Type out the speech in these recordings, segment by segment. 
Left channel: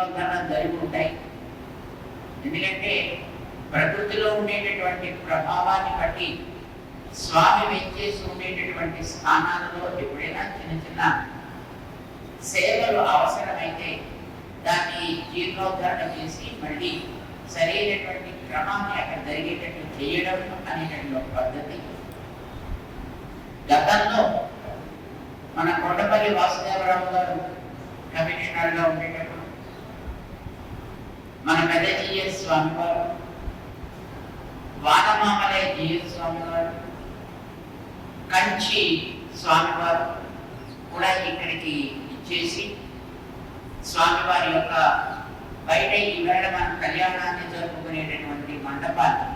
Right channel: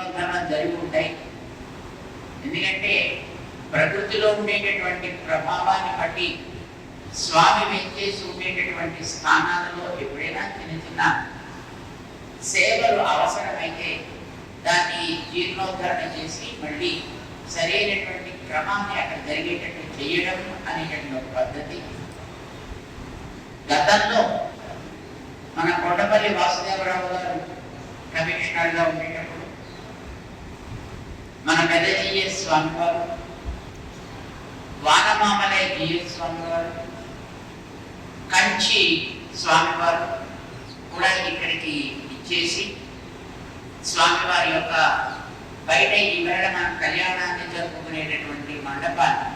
జీర్ణోద్ధరణ జరిగి ఉంటాయి. ఎందుకంటే ప్రకృతిలో ఉండేటటువంటి ప్రభావాన్ని బట్టి స్వామి వెంచేసి ఉండేటటువంటి స్థానాలలో ఎప్పుడైనా చిన్న చిన్న సేవలు అవసరమైతే దాన్ని జీర్ణోద్ధరణ చేసి మళ్ళీ సరైనటువంటి క్రమాన్ని అక్కడ జరిగేటట్టు చేయడం అనేటటువంటి ఒక పద్ధతి. గతంలో మన కొండపల్లి వాసుదేవరావు గారు కమిషనర్గా ఉండేటప్పుడు మన పెద్ద జిఎస్ స్వామి వారు, వానమామలే జిఎస్ స్వామి వారు, కంచి స్వామివారు కూడా ఇక్కడికి ఇచ్చేసి స్వామివారి యొక్క బయట ఈవేళ మనం కళ్యాణాన్ని జరుపుకునేటటువంటి మండపాన్ని,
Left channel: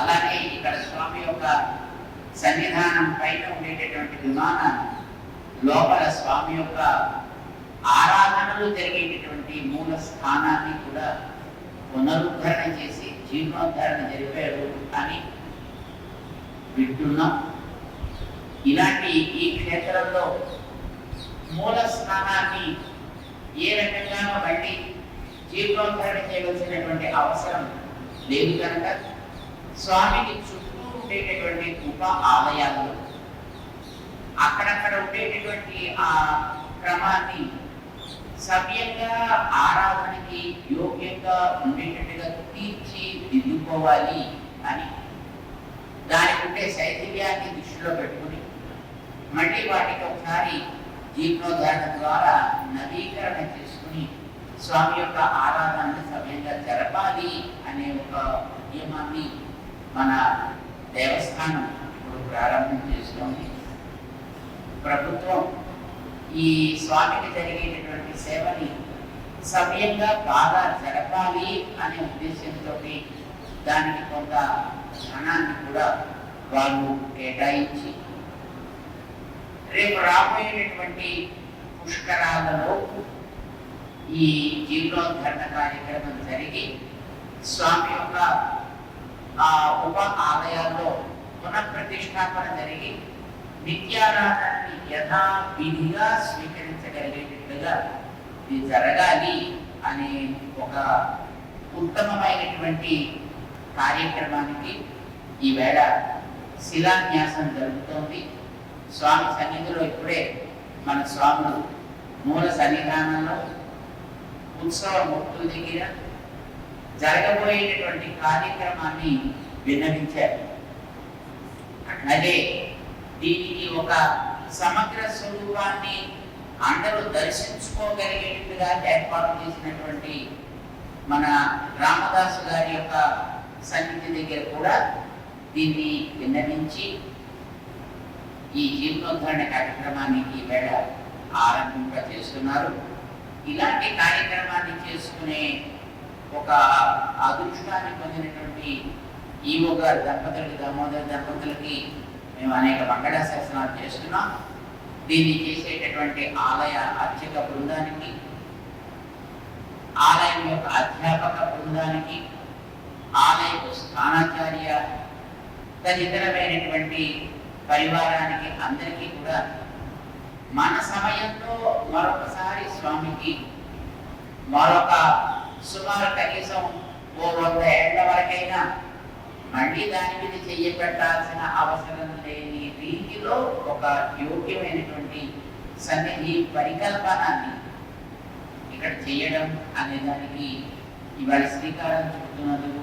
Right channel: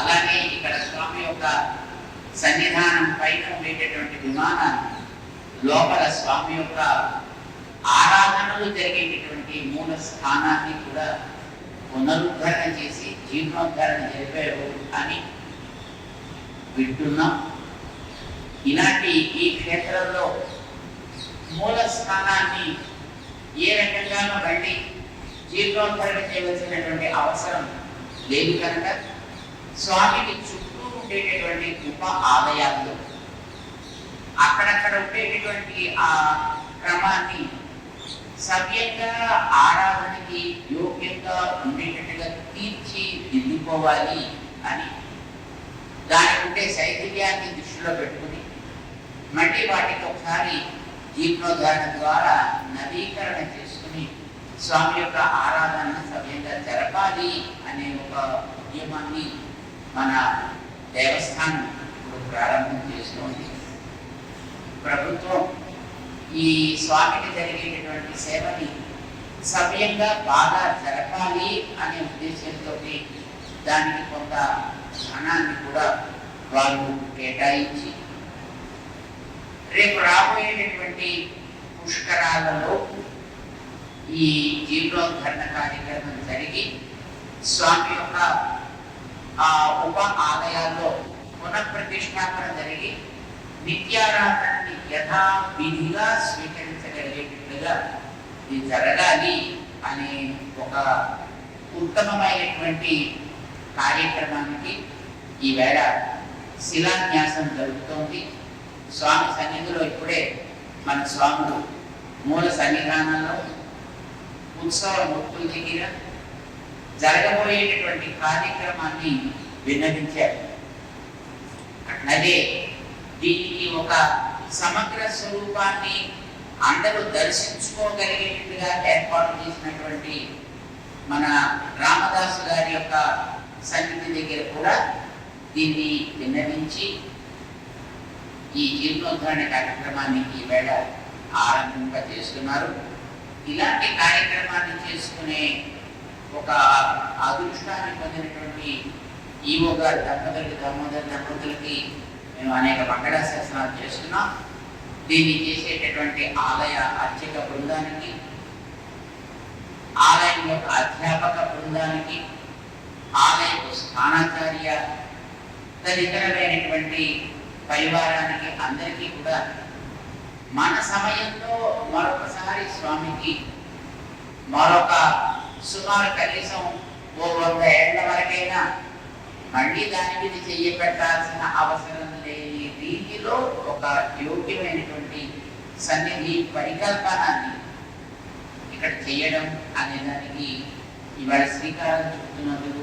అలాగే ఇక్కడ స్వామి యొక్క సన్నిధానం పైన ఉండేటటువంటి విమానాన్ని, లోపల స్వామి యొక్క ఆరాధనలు జరిగేటటువంటి మూల స్థానాన్ని కూడా పునరుద్ధరణ చేసి జీర్ణోద్ధరణ జరిపారు అని వింటున్నాం. ఇలాంటి ఈ క్షేత్రంలో మూల స్థానాన్ని ఏ రకంగానూ మళ్ళీ జీర్ణోద్ధరణ చేయవలసినటువంటి అవసరం లేదు కనుక స్వామికి చుట్టూ ఉండేటటువంటి ఉప ఆలయాలు అక్కడక్కడ ఉండేటటువంటి ఆ క్రమాన్ని సవ్యంగా ఆరాధనకి యోగ్యంగా ఉండేటట్టుగా తీర్చిదిద్దుకోవాలి అని దానికి ఉండే శైథిల్యాన్ని దృష్టిలో పెట్టుకుని మళ్ళీ వాటికి ఒకసారి జీర్ణోద్ధరణ ద్వారా నవీకరణ చేసుకుని స్వామి యొక్క ఆరాధనను సవ్యంగా జరపాలి అనే ఒక నియమాన్ని మన దేవస్థానం ఇప్పుడు ప్రారంభం చేస్తోంది. ప్రభుత్వం ఈ స్వామికి జరిగేటటువంటి సేవని సవ్యంగా బాగా జరపాలి అనే ఉద్దేశంతో దానికి కొంత ధనాన్ని కూడా వాళ్ళు కేటాయించి రేపు రాబోయేటటువంటి పుష్కరాలలో ఈ జీర్ణోద్ధరణ కార్యక్రమం జరిగి స్వామి యొక్క ఉప ఆలయాల్లో పునఃప్రతిష్టాపన జరిగి నిత్యారాధనని యథావిధిగా స్వీకరించగలిగేటట్లుగా ఇది జరగాలి అనే ఒక ఉత్తమమైనటువంటి కార్యక్రమానికి ఈవేళ శిలాన్యాసం జరుగుతోంది. స్వామి సన్నిధిలో ఇప్పుడే మన స్వాములు మూల సన్నిధానంలో ఉత్సవ మూర్తుల దగ్గర జరగబోయేటటువంటి కార్యక్రమాన్ని విన్నవించారు. అదే దీనికి ఒక సమగ్ర స్వరూపాన్ని అందరూ దర్శించుకోగలిగేటట్టుగా ఏర్పాటు చేసినటువంటి మన రామదాసు గారి యొక్క సన్నిధి దగ్గర కూడా దీన్ని విన్నవించి ఈ జీర్ణోద్ధరణ కార్యక్రమాన్ని ఈవేళ ఆరంభింప చేస్తున్నారు. ఇలాంటి కార్యక్రమాన్ని చేసుకునే ఒక అదృష్టాన్ని పొందినటువంటి ఈవో గారి దామోదర్ దంపతులకి మేము అనేక మంగళాశాసనాలు చేస్తున్నాం. దీన్ని చేసేటటువంటి ఆలయ అర్చక బృందానికి, ఆలయం యొక్క అధ్యాపక బృందానికి, ఆలయపు స్థానాచార్య తదితరమైనటువంటి పరివారానికి అందరికీ కూడా మన సమయంలో మరొకసారి స్వామికి మరొక సుమారు కనీసం 100 ఏళ్ల వరకైనా మళ్ళీ దాని మీద చెయ్యబెట్టాల్సిన అవసరం లేని రీతిలో ఒక యోగ్యమైనటువంటి సన్నిధి పరికల్పనాన్ని ఇక్కడ చేయడం అనే దానికి ఇవాళ శ్రీకారం చుడుతున్నందుకు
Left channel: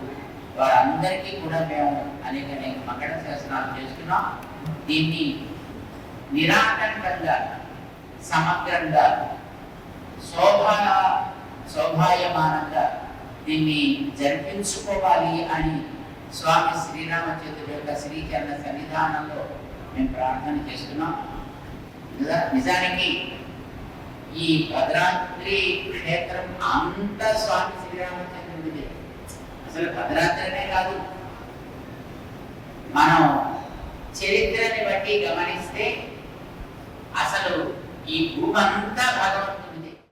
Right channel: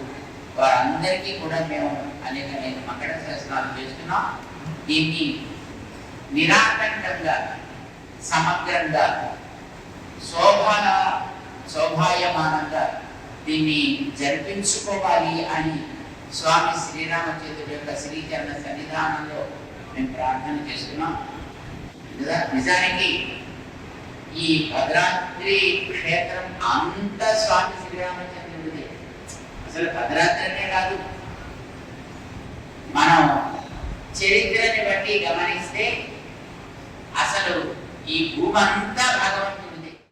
వారందరికీ కూడా మేము అనేక మంగళ శాసనాలు చేస్తున్నాం. దీన్ని నిరాటంకంగా సమగ్రంగా శోభాయమానంగా దీన్ని జరిపించుకోవాలి అని స్వామి శ్రీరామచంద్రుడి యొక్క శ్రీచరణ సన్నిధానంలో మేము ప్రార్థన చేస్తున్నాం. నిజానికి ఈ భద్రాద్రి క్షేత్రం అంత స్వామి శ్రీరామచంద్రుడిది. అసలు భద్రాద్రినే కాదు, మనం చరిత్రని బట్టి గమనిస్తే అసలు ఈ భూమంతా భగవంతుడు